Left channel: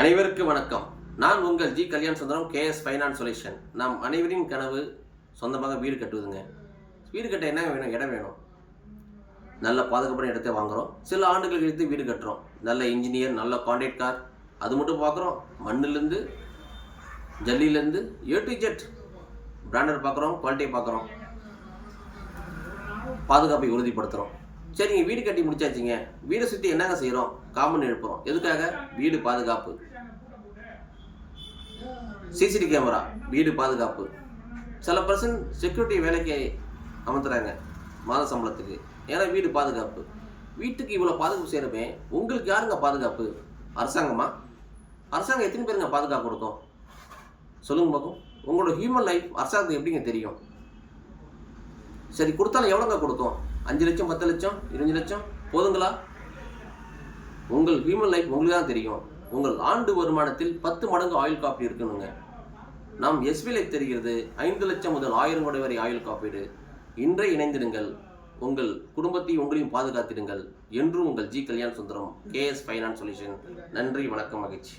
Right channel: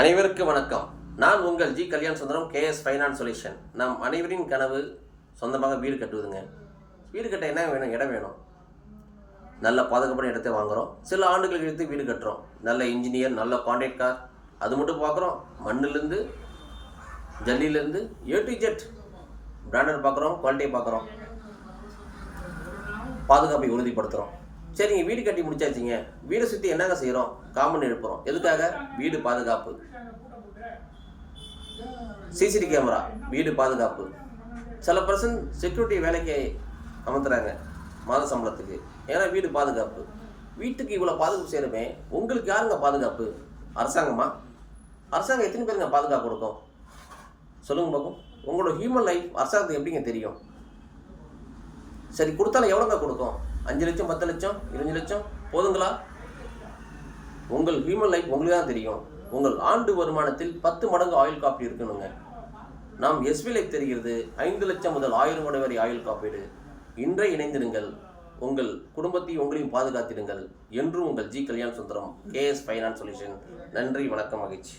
அனைவருக்கும் வணக்கம். நான் உங்கள் G Kalyana Sundaram, KS finance solution. நம் அனைவரின் கனவு சொந்தமாக வீடு கட்டுவதுங்க. வீடு கட்ட என்ன வேணும்? இடம் வேணும். நல்ல பாதுகாப்பான இடத்தை வாங்குகிறோம். சில ஆண்டுகள் கழித்து வீடு கட்டுறோம். நல்ல இன்ஜினியர், நல்ல கான்ட்ராக்ட் அது மட்டும் பார்க்குறோம். மண்ணிலேருந்து ஜல்லியிலேருந்து A to Z பிராண்டட் பார்க்குறோம், குவாலிட்டியை பார்க்குறோம், பாதுகாப்பை உறுதிப்படுத்துகிறோம். சரிங்க, வீடு கட்டி முடிச்சாச்சுங்க. வீடை சுற்றி என்னங்க செய்கிறோம்? காம்பவுண்ட் எழுப்புறோம். எதுக்காக? வீடு பாதுகாப்பு. சிசிடிவி கேமரா, வீடு பாதுகாப்பு. சில பர்சன் செக்யூரிட்டி வேலைக்கு அமர்த்துறாங்க மாத சம்பளத்துக்கு. ஏன்னா வீடு பாதுகாப்பு. வீட்டுக்கு இவ்வளோ பாதுகாப்பு செய்கிறமே, உங்களுக்கு யாருங்க பாதுகாப்பு? அரசாங்கமா? அரசாங்கம் எத்தனை பேருங்க பாதுகாப்பு கொடுக்கும்? சொல்லுங்க பார்க்கும். உங்களோட ஹியூமன் லைஃப் அரசாங்கத்துக்கு எப்படிங்க தெரியும்? சரி, கொடுத்தாலும் எவ்வளோங்க கொடுக்கும்? 5 லட்சம், 10 லட்சம், 20 லட்சம் போதுங்களா? உங்கள் ஹியூமன் லைஃப் உங்களுக்கு தான் தெரியும். உங்கள் ஆண்டு வருமானத்தில் 10 மடங்கு ஆயுள் காப்பீடு இருக்கணுங்க. நாம் எஸ்பி லைஃப் தெரிகிறது 5 லட்சம் முதல் 1000 கோடி வரை ஆயுள் காப்பீடு. இன்றே இணைந்திருங்கள். உங்கள் குடும்பத்தையும் உங்களையும் பாதுகாத்திடுங்கள். என்றும் உங்கள் G Kalyana Sundaram, KS finance solution. நன்றி, வணக்கம், மகிழ்ச்சி.